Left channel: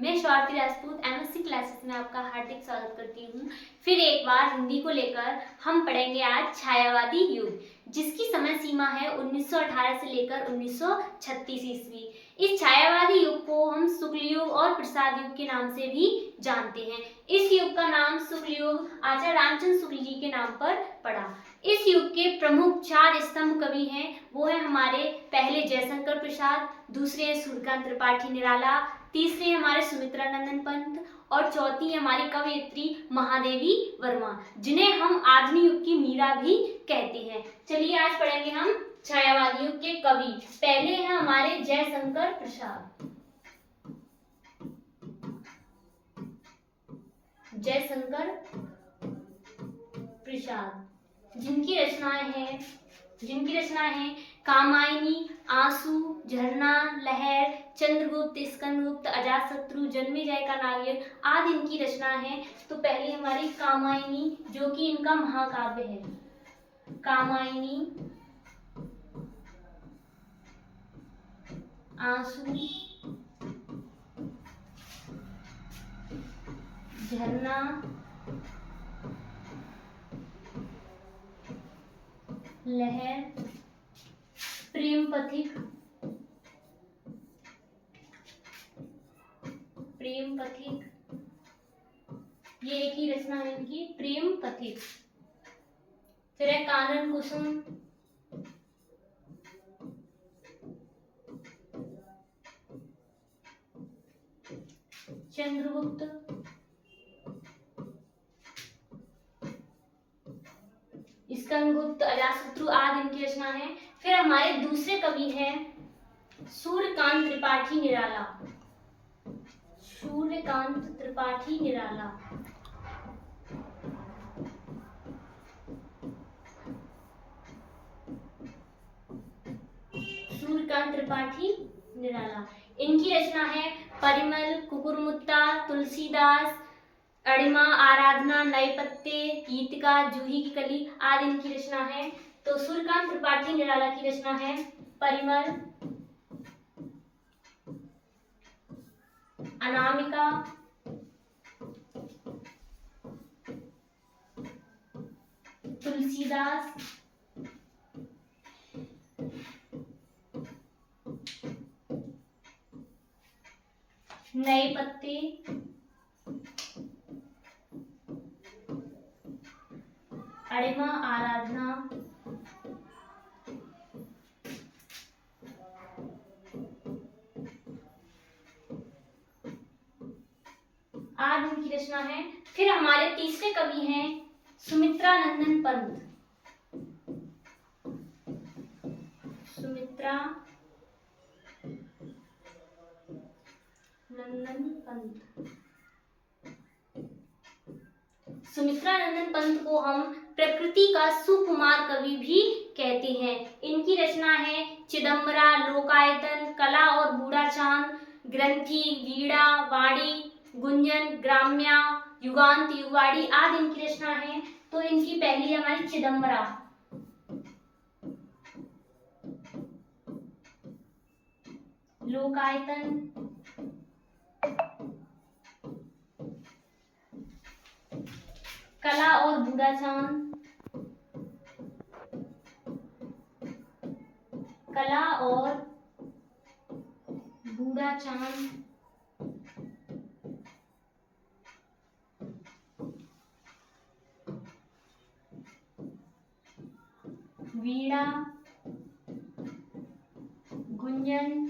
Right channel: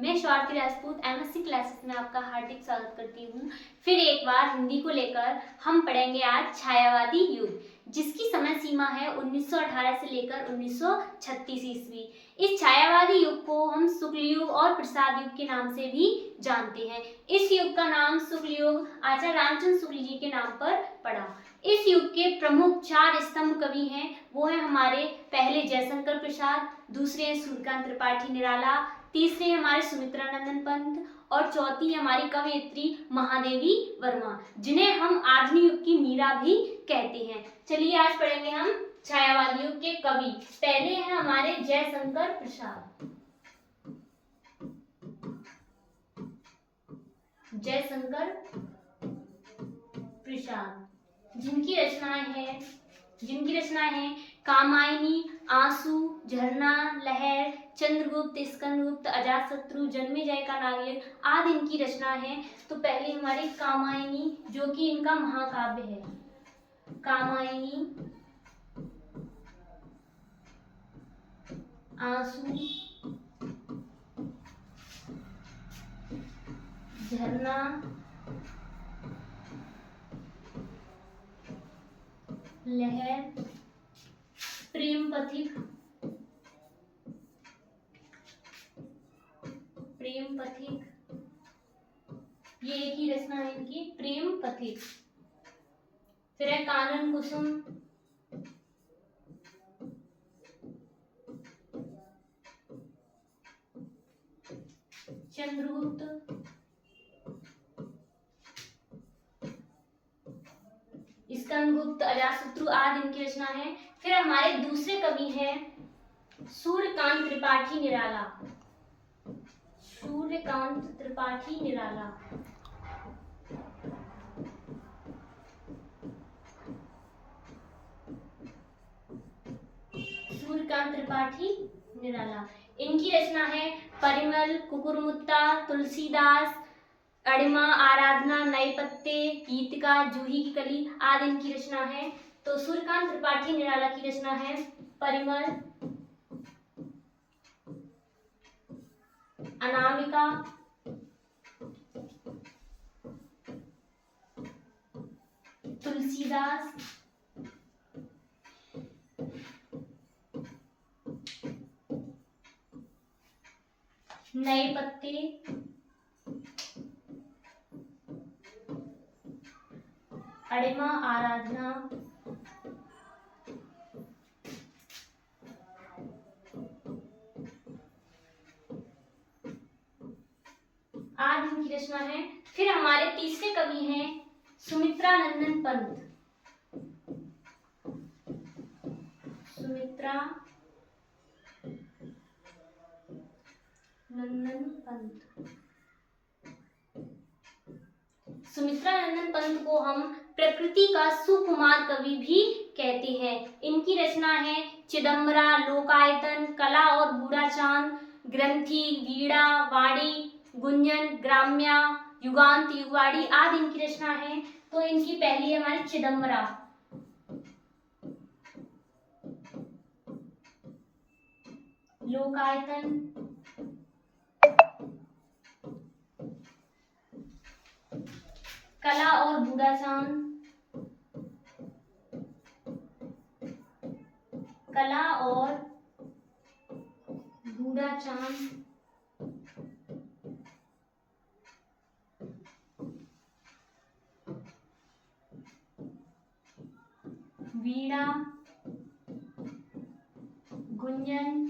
मैं Swati Rajput MSc classes में आपका हार्दिक स्वागत करती हूँ। फिर एक बार हिंदी को लेकर हम पढ़ेंगे आज छायावादी युग, जिसकी समय सीमा है 1918 से लेकर 1936 ईस्वी। इस छायावादी युग को हम शुक्ल युग और प्रसाद युग के नाम से भी जानते हैं। इस युग का नाम शुक्ल युग आचार्य रामचंद्र शुक्ल जी के नाम पर पड़ा। इस युग के प्रमुख 4 स्तंभ कवि हैं। वो है हमारे पहले जयशंकर प्रसाद, दूसरे हैं सूर्यकांत त्रिपाठी निराला, तीसरे हमारे सुमित्रा नंदन पंत और चौथी हमारी कवयित्री महादेवी वर्मा, जिन्हें हम आधुनिक युग की मीरा भी कहते हैं। चलिए आज पढ़ेंगे हम छायावादी युग के कवि। पहले हैं हमारे जयशंकर प्रसाद। जयशंकर प्रसाद जिनकी रचनाएं हैं कामायनी, आंसू, झरना, लहर, चंद्रगुप्त, स्कंदगुप्त, अजातशत्रु, जन्मेजय का नागयज्ञ आदि इनकी रचना है। तो पहली हमारी कामायनी, जो कि इनका महाकाव्य है। कामायनी, आंसू, झरना, लहर, प्रेम पथिक, ये एक ही रचना है इनकी, प्रेम पथिक। फिर है कानन कुसुम, चंद्रगुप्त, स्कंदगुप्त, अजातशत्रु आदि इनकी रचना है। फिर हमारे दूसरे कवि हैं सूर्यकांत त्रिपाठी निराला। सूर्यकांत त्रिपाठी निराला इनकी रचना है परिमल, कुकुरमुत्ता, तुलसीदास, अणिमा, आराधना, नए पत्ते, गीतिका, जूही की कली आदि इनकी रचना है। तो सूर्यकांत त्रिपाठी निराला की रचना है परिमल, अनामिका, तुलसीदास, नए पत्ते, अणिमा, आराधना, आदि इनकी रचना है। फिर हमारे तीसरे कवि हैं सुमित्रा नंदन पंत। सुमित्रा नंदन पंत को हम प्रकृति का सुकुमार कवि भी कहते हैं। इनकी रचना है चिदम्बरा, लोकायतन, कला और बूढ़ा चांद, ग्रंथि, वीणा, वाणी, गुंजन, ग्राम्या, युगांत, युगवाड़ी आदि इनकी रचना है। तो इनकी पहली हमारी चिदम्बरा, लोकायतन, कला और बूढ़ा चांद, कला और बूढ़ा चांद, वीणा, गुंजन,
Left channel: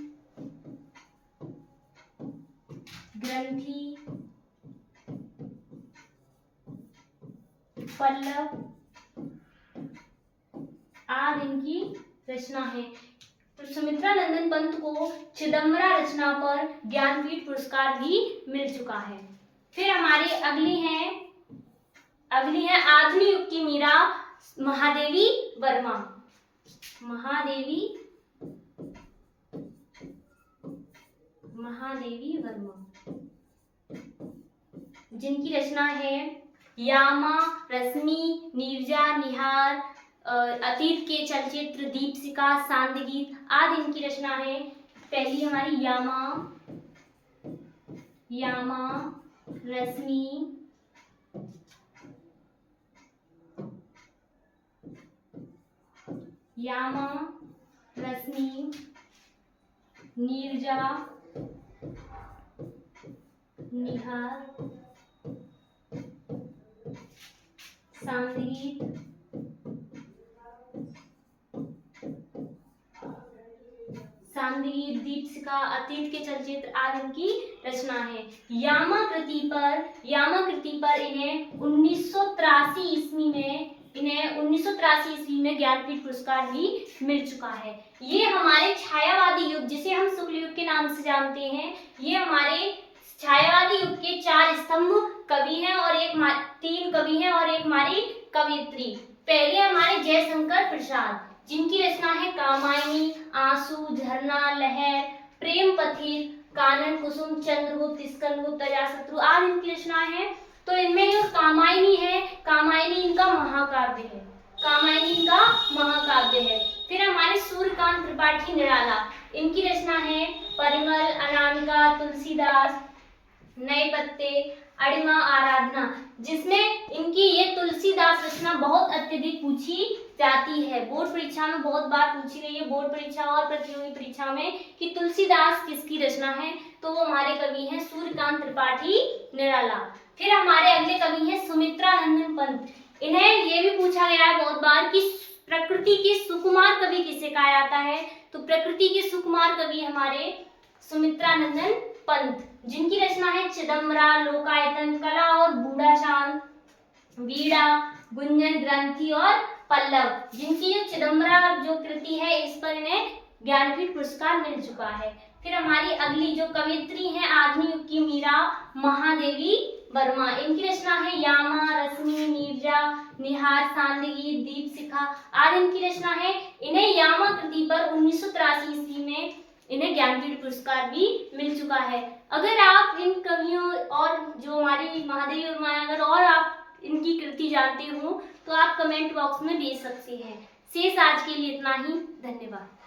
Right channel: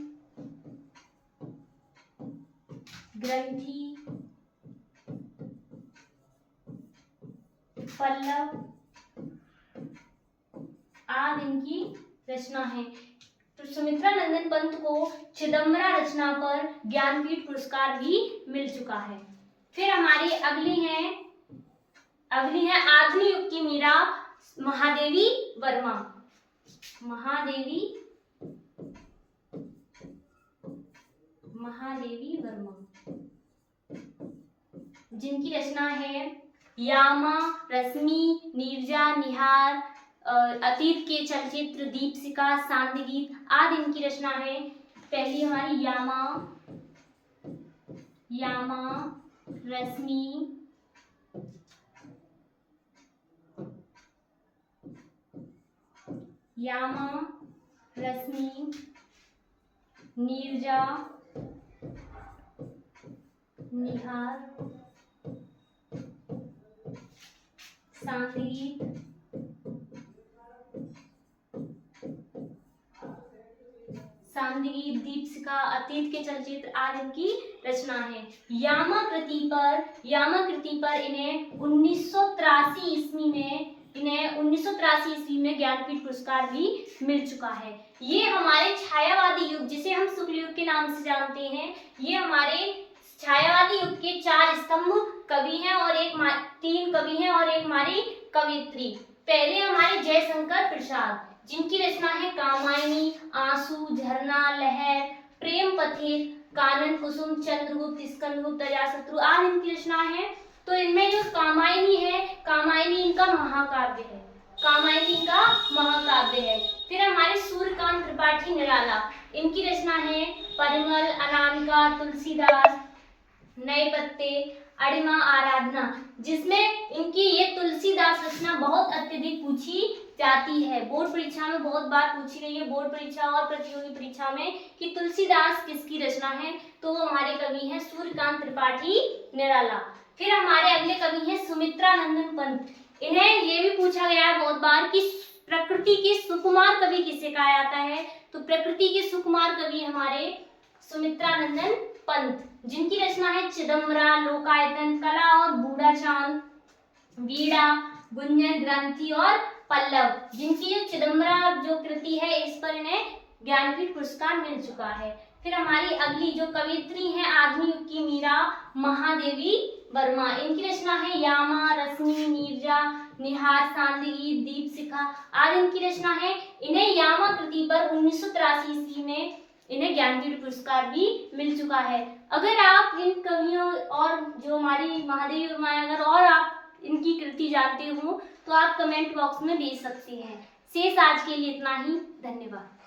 ग्रंथि, पल्लव आदि इनकी रचना है। सुमित्रा नंदन पंत को चिदम्बरा रचना पर ज्ञानपीठ पुरस्कार भी मिल चुका है। फिर हमारे अगली हैं आधुनिक युग की मीरा महादेवी वर्मा। महादेवी वर्मा, जिनकी रचना है यामा, रश्मि, नीरजा, निहार, अतीत के चलचित्र, दीपशिखा, सांदगीत आदि इनकी रचना है। पहली हमारी यामा, यामा रश्मि, यामा रश्मि, नीरजा, निहार, सांगीत, सांदीप, दीपशिखा, अतीत के चलचित्र आदि इनकी रचना है। यामा कृति पर इन्हें 1983 ईस्वी में ज्ञानपीठ पुरस्कार भी मिल चुका है। ये हमारे छायावादी युग, जिसे हम शुक्ल युग के नाम से जानते हैं, ये हमारे छायावादी युग के 4 स्तंभ कवि हैं और 3 कवि हैं और एक हमारी कवियत्री। पहले हमारे जयशंकर प्रसाद, जिनकी रचना है कामायनी, आंसू, झरना, लहर, प्रेम पथिर, कानन कुसुम, चंद्रगुप्त, स्कंदगुप्त, अजातशत्रु आदि इनकी रचना है। तो इनमें जो कामायनी है, कामायनी इनका महाकाव्य है। फिर हमारे सूर्यकांत त्रिपाठी निराला, इनकी रचना है परिमल, अनामिका, तुलसीदास, नए पत्ते, अड़िमा, आराधना, जिसमें इनकी ये तुलसीदास रचना बहुत अत्यधिक पूछी जाती है। बोर्ड परीक्षा में बहुत बार पूछी गई है, बोर्ड परीक्षा और प्रतियोगी परीक्षा में, कि तुलसीदास किसकी रचना है, तो वो हमारे कवि हैं सूर्यकांत त्रिपाठी निराला। फिर हमारे अगले कवि हैं सुमित्रा नंदन पंत। इन्हें ये भी पूछा गया है बहुत बार कि प्रकृति के सुकुमार कवि किसे कहा जाता है, तो प्रकृति के सुकुमार कवि हमारे सुमित्रा नंदन पंत, जिनकी रचना है चिदम्बरा, लोकायतन, कला और बूढ़ा चांद, वीणा, गुंजन, ग्रंथि और पल्लव, जिनकी जो चिदम्बरा जो कृति है, इस पर इन्हें ज्ञानपीठ पुरस्कार मिल चुका है। फिर हमारी अगली जो कवियत्री है आधुनिक युग की मीरा महादेवी वर्मा, इनकी रचना है यामा रश्मि, नीरजा, निहार, सांदीप, दीपशिखा आदि इनकी रचना है। इन्हें यामा कृति पर 1983 ईस्वी में इन्हें ज्ञानपीठ पुरस्कार भी मिल चुका है। अगर आप इन कवियों और जो हमारी महादेवी वर्मा, अगर और आप इनकी कृति जानते हो तो आप कमेंट बॉक्स में भेज सकते हैं। शेष आज के लिए इतना ही, धन्यवाद।